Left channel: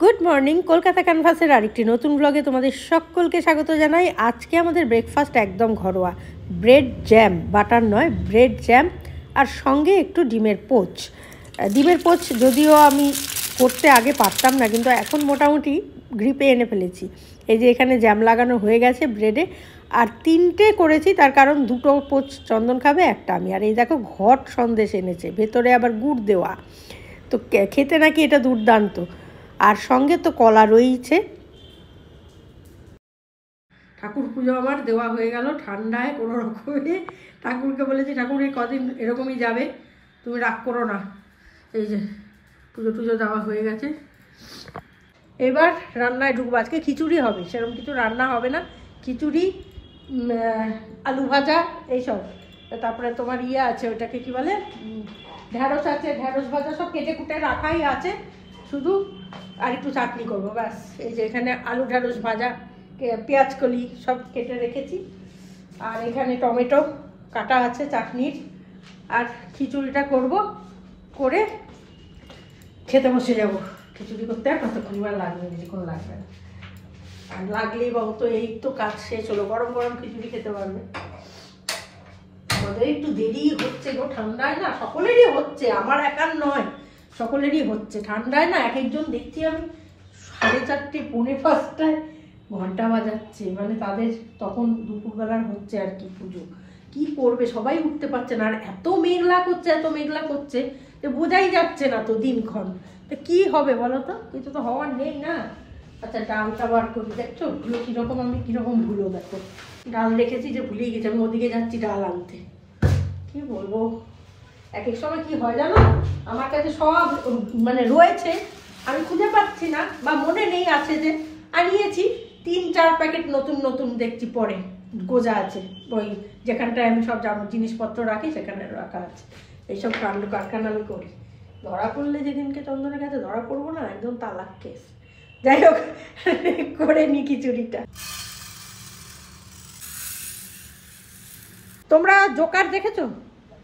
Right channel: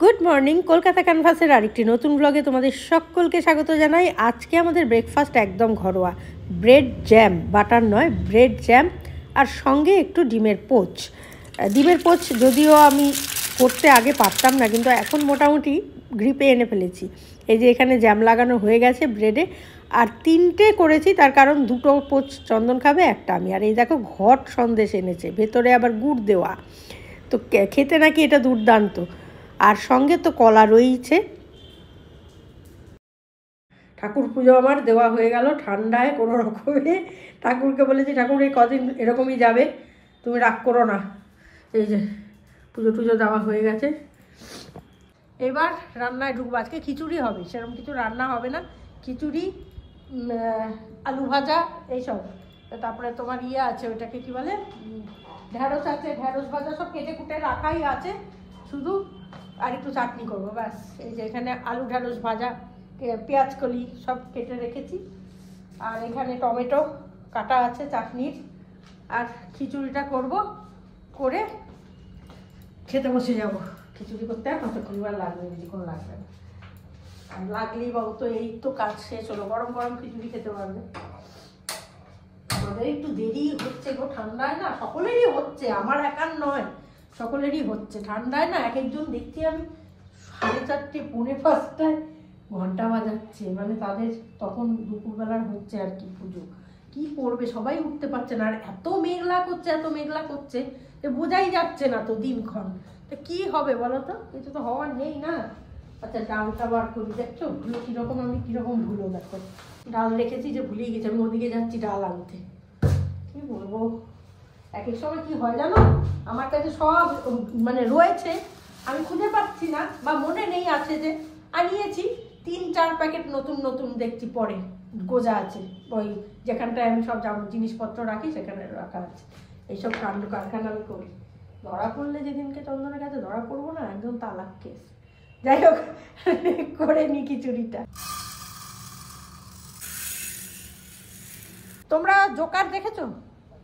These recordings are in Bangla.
গুড মর্নিং, কলকাতা ক্যানভাসের আরেকটি নতুন ব্লগে তোমাদের সকলকে স্বাগত জানাই। আজকে আমাদের ব্রেকফাস্ট একদম ঘরোয়া, ব্রেড জ্যাম, বাটার নয়, ব্রেড জ্যাম, আর সঙ্গে একটু ডিমের পোচ। ডিমের পোচ যদিও আমি করতে আগে পারতাম না, কিন্তু এখন মোটামুটি গ্রিপে এনে ফেলেছি। এই যে এখানে জ্যাম লাগানো হয়ে গেছে ব্রেডে, আর 3টে করেছি, তার কারণ 2টো পোচ চন্দন খাবে, একটা আমি। আর এই দেখো ঘট সন্দেশ এনেছে, ভেতরে আবার গুড় দেওয়া, তো খেতে নাকি এটা দুর্দান্ত। আর সঙ্গে তো কলা রয়েছে। ঠাকুর পুজো আমার দেওয়া হয়ে গেল ঠান্ডায় কোনো রকমে। ঠাকুরকে বলেছি, ঠাকুর এই কদিন এরকমই যাবে, তুমি রাগ করো না। এই যে পুজো টুজো দেওয়া হয়ে গেছে, এবার রান্নায় ঢুকবো। আজকে খিচুড়ি হবে, সেরকম কিছু রান্না হবে না, খিচুড়ি, আলু ভাজা এইসব। তারপরে তোমার ইয়ে আছে, ওটাকে কি বলে, ঢ্যাঁড়স আছে, ঢ্যাঁড়স ভাজা সব কেটে কুটে রাখাই আছে, শুধু আর একটু চাটনি করবো ব্যাস। এই যে এখানে আলু ঢ্যাঁড়স ভাজা, পেঁয়াজ কলি সব কেটে রেখেছি, আর এখানে টমেটো কাটা আছে চাটনির, আর খিচুড়িটা করব, করে খেতে বসে যাব। খিচুড়ি করতে আর কতক্ষণ লাগবে, বেশিক্ষণ লাগবে না, আর লাগলেই বাবু তো এই তো কাজ শেষ হলো, গরম গরম খিচুড়ি খেতে পারবে। আমাদের একটু দেরি হচ্ছে গো, ঠান্ডায় না সকলেরই হচ্ছে, আমার একার নয়, সকলেরই হচ্ছে ঠান্ডায় না। এক একজন দেখছি আমি 4:30, 4:45টায় ঘন্টা বাজাচ্ছে, মানে তাদের তখন দুপুরবেলার হচ্ছে আর কি পুজো। কি করবে, সবাই উঠতে পারছে না, আর এত মেঘলা করছে, এত মেঘলা করছে যে বোঝাই যাচ্ছে না তো দিনক্ষণ। তো কি হবে বলো তো, কিছু তো হওয়ার নেই না। আচ্ছা ডালটা বার করি, দেখছো ভুলো কীরকম, আমি কীরকম ভুলো দেখো, ডাল রেখেছি যে ভুলিয়ে গেছি, আমি ওদিকে যাচ্ছি ডাল আনতে। কি বলবো, এক এক সময় কি হয় জানো, আমার কাছে সব মানে রয়েছে, আমি খুঁজে পাচ্ছি না, বা মনে নেই আছে যে আনিয়েছি, 3-4 প্যাকেট নতুন নতুন দেখছি পরে গোজা আছে, ওই যেখানটায় আমি সব জিনিসপত্র রাখি সেখানে রাখা আছে। এইসব কাণ্ড কারখানা আমি করি, ধরা পড়লে যেদিনকে চন্দনের কাছে ধরা পড়বো না, একদম তালাক কেস। যাই হোক, করে নি খিচুড়িটা। তোমরা জোকার দেখেছো?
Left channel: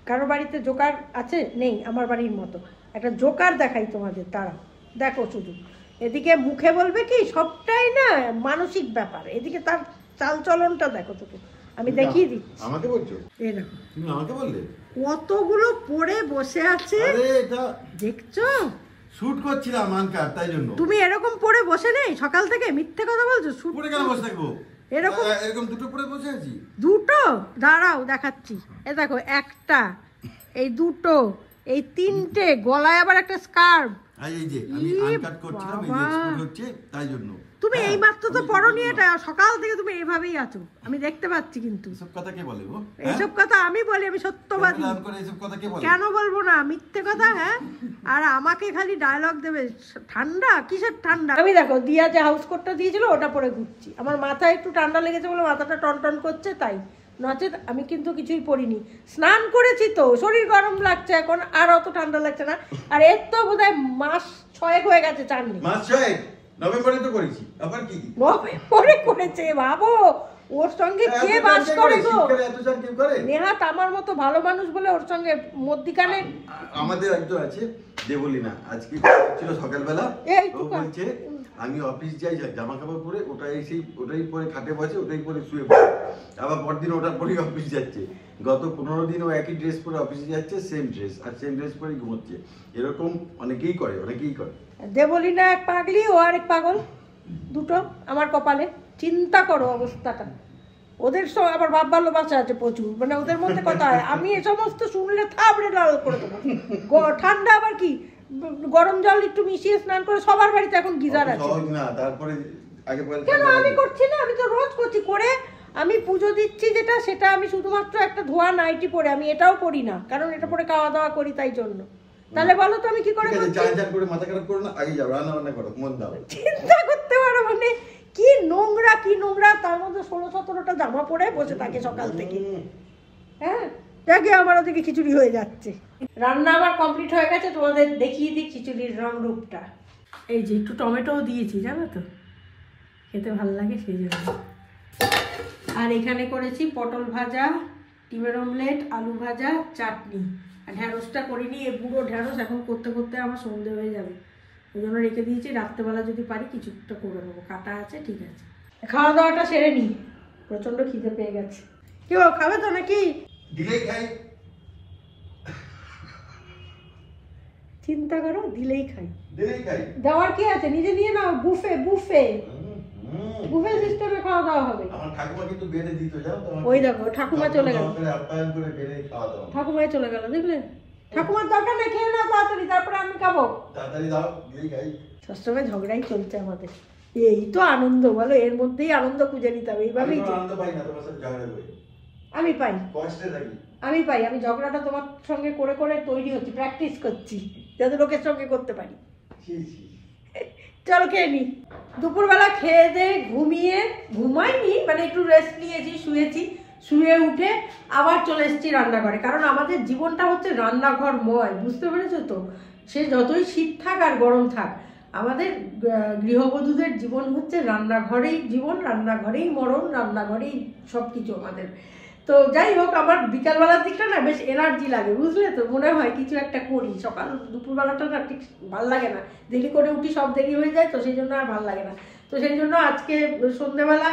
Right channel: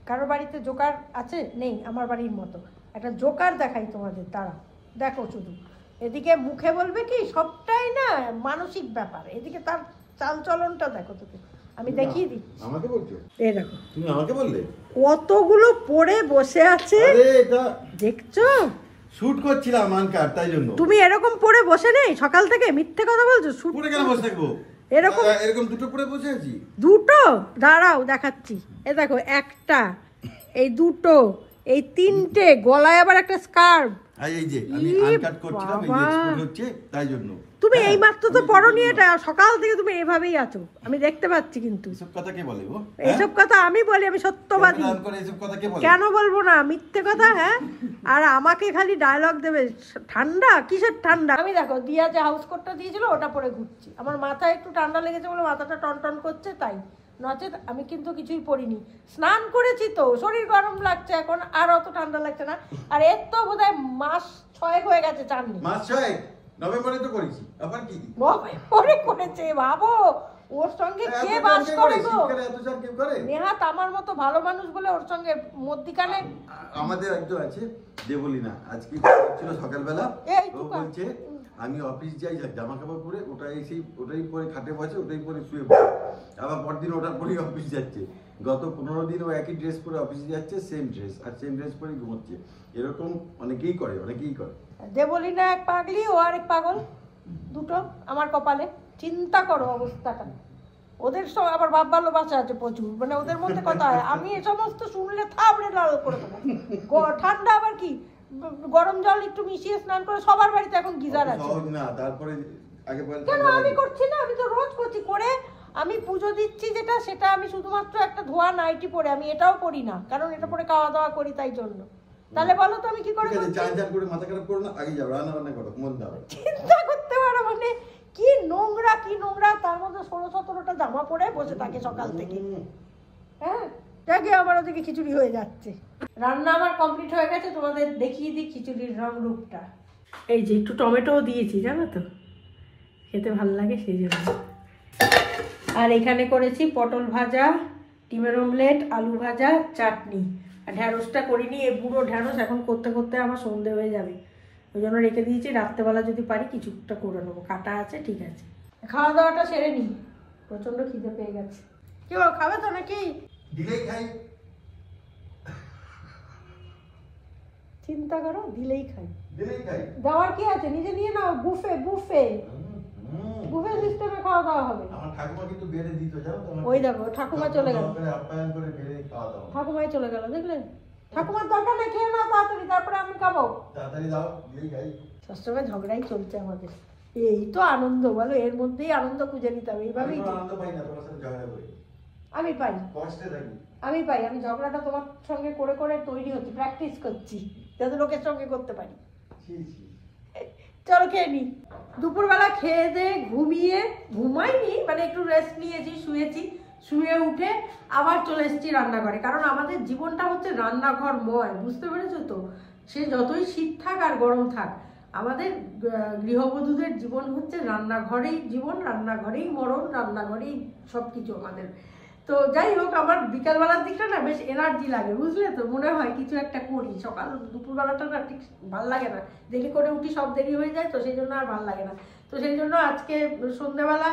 কারো বাড়িতে জোকার আছে? নেই, আমার বাড়ির মতো একটা জোকার দেখাই তোমাদের, তারা দেখো শুধু। এদিকে মুখে বলবে কি, সবটাই না মানসিক ব্যাপার, এদিকে তার চাল চলনটা দেখো তোকে আমি দেখিয়ে দিচ্ছি। আমাকে বলছো? এই দেখো, তুমি আমাকে বললে কতগুলো পড়ে বসে আছে, আরে এটা দেখছো? শুট করছিলাম মানকার, তাই জন্য। তুমি এরকম পড়ে বসে নেই সকাল থেকে, মিথ্যে কথা বলছো। শুট পড়ে কেন বসে থাকবো? এরকম এরকম দুটো পড়ে বসে আছি। দুটো? দাঁড়াও দেখাচ্ছি। এ দেখো, একটা, এই দুটো, এই 3টে, গলায় আবার একটা স্কার্ফ। এই যে আমি আনকাট করছিলাম, এই যে এক্সপোর্ট হচ্ছে, তাই জন্য। তুমি এই মাত্র তো পড়নি এটা, সকাল থেকে তুমি এভাবেই আছো, আমি দেখতে পাচ্ছি। কিন্তু এসব কথা কে বলে গো? এইসব কথা আমি বলি, আমি সত্যবাদী। এসব কথা কে বলে? কেন বলবো না, মিথ্যে কথা। হ্যাঁ, আর আমাকে খালি ডায়লগ দেবে, ঠান্ডা কিসের ঠান্ডা। আমি দেখো দিয়া যে হাউস কোটটা দিয়েছিল ওটা পরে ঘুরছি, আমার মাথায় একটু ঠান্ডা লেগেছে বলে মাথাটা টন টন করছে, তাই নচেত আমি কিন্তু কিছুই পরিনি। স্নান করেছি তো, শরীর গরম লাগছে এখন, আর অত ঠান্ডা লাগছে না। আর এর তো বোধহয় মাস 6 হয়ে গেছে চাননি। মাস 6 নভেম্বরে তো করেছি, আবার কি নভেম্বরে করেছে, ভাবো ওর সঙ্গে কে বাস করে গো। নেহাত আমার মতো ভালো মানুষ বলে ওর সঙ্গে মধ্যিখানে। আমাদের একজন আছে যে বলি না, আজকে ছিল সকালবেলা, ও বলছে আমি অফিস যাই, জামা কাপড় পরে ওটাই পরে খাটে বসে, ওটাই পরে শুয়ে পড়ে, আবার পরদিন ওটার পরেই অফিস যাচ্ছে। গত 15 দিন ও একই ড্রেস পরে অফিসে যাচ্ছে, সেম ড্রেস, আর সেম ড্রেস পরেই ঘুমোচ্ছে। এরকম অনেকেই করে। দেবলিনা এক পাগলি, ও আর এক পাগল, দুটো আমার কপালে। চিন্তা করো অবস্থাটা। ওদের সব আবার ভাব ভালোবাসা আছে প্রচুর, মানে ওদের মধ্যে কথা হয়, আমি এ সমস্ত শুনলে থাবড়ে লাল করে দেবো। ঠান্ডা আবার কি, গরম জল একটু মিশিয়ে স্নান করে, সবার বাড়িতে এখন গিজার আছে। কেন আমি করছি না? আমি তো রোজ করছি। করে আমি পুজো দিচ্ছি যেটা, সেটা আমি শুধুমাত্র একটা ধোয়া নাইটি পরে, আমি এটাও পরি না, কারণ এটা পরে খাওয়া দাওয়া করি, তাই জন্য। তাহলে বলো তো আমি কি করে করছি? চিন্তা করতে পারো, মানে কি নোংরা, কি নোংরা, তার মধ্যে 16-17টা জামা পরে বসে থাকে সকাল থেকে। হ্যাঁ, যাকে আমার ওদিকে খিচুড়ি হয়ে যাচ্ছে। রান্না আবার কমপ্লিট হয়ে গেছে, তোমাদের দেখিয়ে দিই খিচুড়ির রং রূপটা। এই যে একটু টমেটোও দিয়েছি, জানো তো খেতে ভালো লাগে সেই জন্য। আর এখানে করেছি পটল ভাজা, ডিমের অমলেট, আলু ভাজা, চাটনি। আর ঢ্যাঁড়সটা করিনি, এই বুড়ো ঢ্যাঁড়স এখন করতে করতে আমার সন্ধে হয়ে যাবে। ওই জন্য রেখে দিয়েছি, রাত্রেবেলা যদি পারি কিছুটা করে নেবো, কাটা আছে, ঠিক আছে। খাওয়া দাওয়াটা সেরে নি, প্রচন্ড খিদে পেয়ে গেছে। কি ও খাবে তো নাকি? চিন্তা করো, দিলেই খাই। দেওয়ার কি আছে, নিজে নিয়ে নাও, বুফে বুফে বুফে সিস্টেমে খাওয়া দাওয়া হবে। আমার ঠাকুমা কিন্তু বেড়ে দিত, জানো তো? ওই দেখো ঠাকুমা চলে গেল, আপ্যায়ন করে বেড়ে খাওয়া দাওয়া। ঠাকুমাই চলে গেল, দেখলে? ঠাকুমার দরকার নেই, খেয়ে নাও তাড়াতাড়ি, তারপরে আমি খাবো। তাড়াতাড়ি দাও, দিলেই খাই। সবসময় ঝগড়াই চলছে আমাদের, এই তো আনন্দ বলো, এর মধ্যেই আনন্দ খুঁজে নিতে হবে, এইভাবেই। আনন্দ পাই না তোমার সাথে ঝগড়া করে, আমি পাই, কষ্টে থাকি। আমি পাই, আমি ঝগড়াটা তোমার সঙ্গে করে করে তৈরি হচ্ছি, প্র্যাকটিস করছি যাতে লোকের সঙ্গে করতে পারি। চলো খেয়ে নি। দুপুরবেলা খেয়ে দিয়ে ঘুমাইনি, মানে একটু রেস্ট নিয়েছি, শুয়েছি, শুয়ে উঠে আবার চলে এসেছি রান্নাঘরে, কারণ আমাদের জীবনটা হচ্ছে রান্নাঘরময়, বুঝতে পেরেছো তো? সে যতই শীত থাক আর গরম থাক, আমাদের গৃহবধূদের জীবন হচ্ছে রান্নাঘরেই জীবন, রান্নাঘরেই মরণ, রান্নাঘরেই সব কিছু আমাদের। তো যাই হোক, আমার বিকালবেলার দিকটা না বেশ এনার্জি লাগে, বুঝলে তো? মনে হয় কিছু একটা করি। সকাল দুপুরবেলাটা না ঠিক ভাল লাগে না, দেরি করে উঠি, সব দেরি হয়ে যায়, তো সেই জন্য আর ভাল লাগে না। তো সেই জন্য আজকে সন্ধ্যেবেলা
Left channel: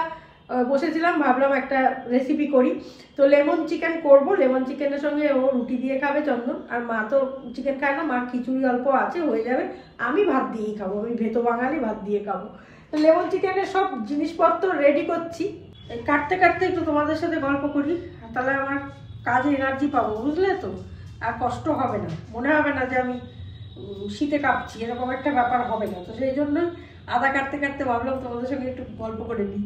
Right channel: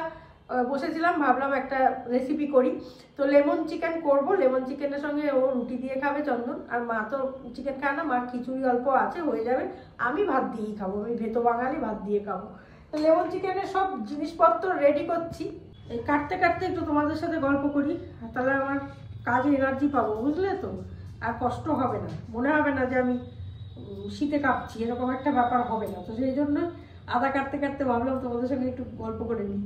বসেছিলাম, ভাবলাম একটা রেসিপি করি। তো লেমন চিকেন করব, লেমন চিকেনের সঙ্গে ও রুটি দিয়ে খাবে চন্দন, আর মা তো চিকেন খায় না, মা খিচুড়ি অল্প আছে, হয়ে যাবে। আমি ভাত দিয়েই খাবো, আমি ভেতো বাঙালি, ভাত দিয়ে খাবো। তো লেমন চিকেনের সব জিনিসপত্র রেডি করছি, কাটতে কাটতে একটু তোমাদের সাথে গল্প করি, তাহলে আমার কাজে এনার্জি পাবো, বুঝলে তো? আর কষ্ট হবে না, মনে হবে না যে আমি শীতে কাঁপছি, এরকম একটা ব্যাপার হবে না। তো সেই জন্য আদা কাটতে কাটতে ভাবলাম তোমাদের সঙ্গে একটু গল্প করে নিই।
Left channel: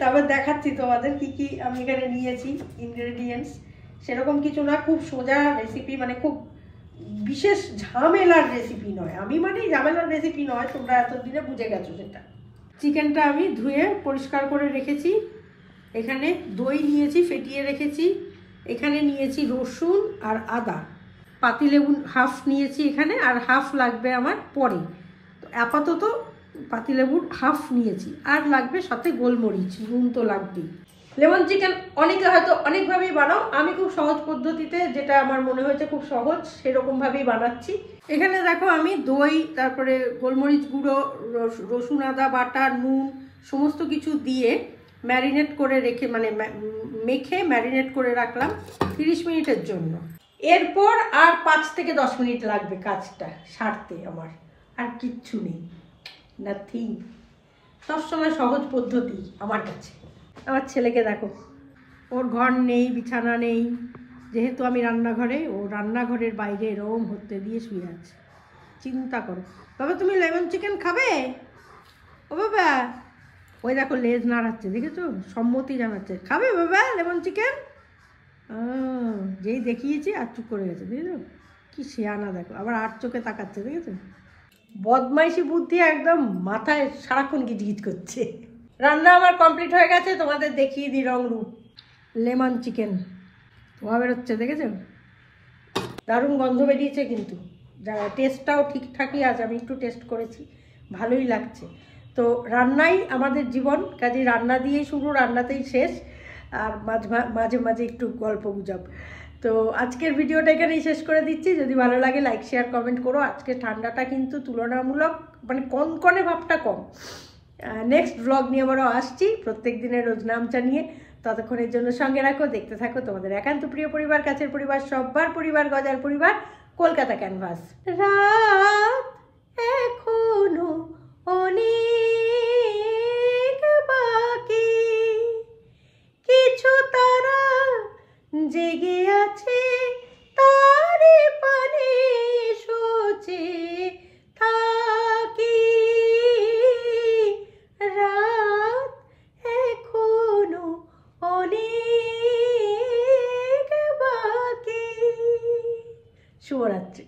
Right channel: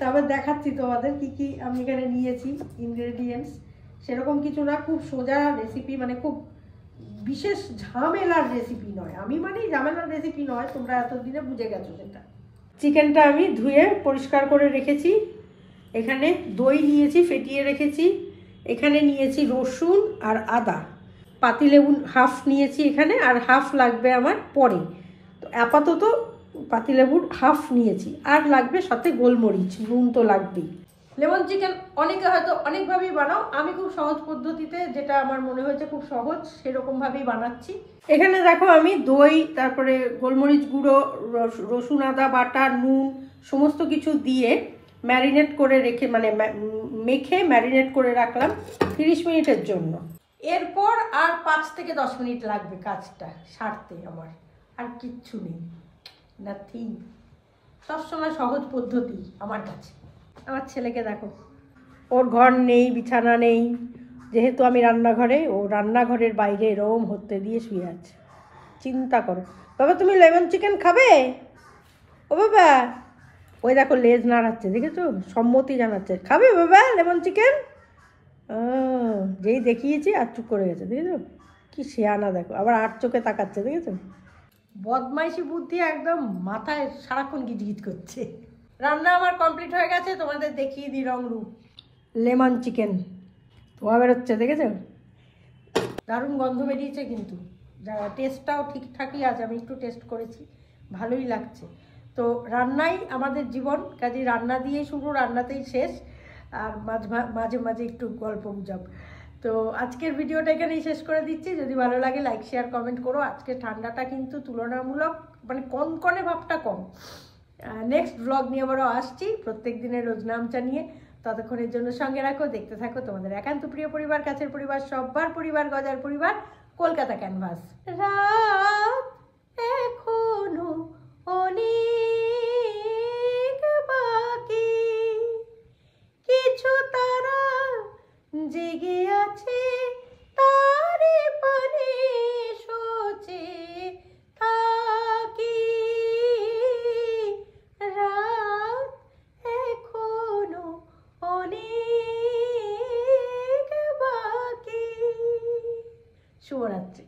তারপর দেখাচ্ছি তোমাদের কি কি আমি এখানে নিয়েছি ইনগ্রেডিয়েন্টস। সেরকম কিছু না, খুব সোজা রেসিপি, মানে খুব বিশেষ ঝামেলার রেসিপি নয়। আমি মানে ঝামেলার রেসিপি নয়, তোমরা এতদিনে বুঝে গেছো সেটা। চিকেনটা আমি ধুয়ে পরিষ্কার করে রেখেছি, এখানে দই নিয়েছি, ফেটিয়ে রেখেছি, এখানে নিয়েছি রসুন আর আদা, পাতিলেবু হাফ নিয়েছি এখানে, আর হাফ লাগবে আমার পরে। তো আপাতত পাতিলেবুর হাফ নিয়েছি, আর লাগবে সাথে গোলমরিচ, নুন তো লাগবেই। লেমন চিকেন অনেকে হয়তো অনেকভাবেই বানাও, আমি খুব সহজ পদ্ধতিতে, যেটা আমার মনে হয়েছে খুব সহজ, সেরকমভাবেই বানাচ্ছি। এখানে দেখো আমি দই, তারপরে গোলমরিচ গুঁড়ো, রসুন আদা বাটা, নুন সমস্ত কিছু দিয়ে ম্যারিনেট করে রেখে, মানে মেখে ম্যারিনেট করে রাখলাম 30 মিনিটের জন্য। এরপর আর 5 থেকে 10 মিনিট লাগবে কাজটা সারতে আমার, আর কিচ্ছু নেই, নাথিং। সবসময় সহজ পদ্ধতি আমার কাছে। আমার ছেলেকে দেখো, ওর ঘর নেই, বিছানা নেই, যেহেতু আমি রান্নাঘরে, ও রান্নাঘরের বাইরে এরম হতে দিয়ে শুয়ে আছে। চিন্তা করো। বাবা তুমি লেমন চিকেন খাবে? ও বাবা, ওই দেখো লেজ নাড়াচ্ছে, দেখেছো? সম্মতি জানাচ্ছে, খাবে বাবা লেমন চিকেন? যেই দেখিয়েছি আর চুপ করে গেছে, দেখেছো? কি শেয়ানা দেখো, আবার আর চোখে তাকাচ্ছে, দেখেছো? বদমাইশি বুদ্ধি একদম মাথায় সারাক্ষণ গিজগিজ করছে। রান্না আমার কমপ্লিট হয়ে গেছে, তোমাদের দেখিয়ে দিই রং রূপ। লেমন চিকেন ধোয়া বেরোচ্ছে, দেখেছো? দারুণ গন্ধ বেরিয়েছে, কিন্তু টেস্টটাও ঠিকঠাকই আছে, আমি একটু টেস্ট করেছি, ভালোই লাগছে। তো রান্নাই আমাদের জীবন, কাজে রান্না দিয়েই শুরু, রান্নাতেই শেষ, আর মাঝে মাঝে একটু গল্প গুজব। তো আজকের ভিডিওটা এখানেই শেষ করে দিচ্ছি। যদি ভালো লাগে লাইক শেয়ার কমেন্ট করো। আজকে ঠান্ডাটা কিন্তু তুলনামূলক, মানে কনকনে ভাবটা কম। নেক্সট ব্লগ নিয়ে আবারও আসছি, প্রত্যেক দিনের রোজ নামচা নিয়ে। ততক্ষণের জন্য সঙ্গে রাখো, দেখতে থাকো তোমাদের একান্ত প্রিয় পরিবার, কাছের পরিবার, সব্বার পরিবার, গজার পরিবার, কলকাতা ক্যানভাস। রাত এখনো অনেক বাকি, কিছু তারা জেগে আছে, তারে পানে সোচে থাকি। রাত এখনো অনেক বাকি। শুভরাত্রি।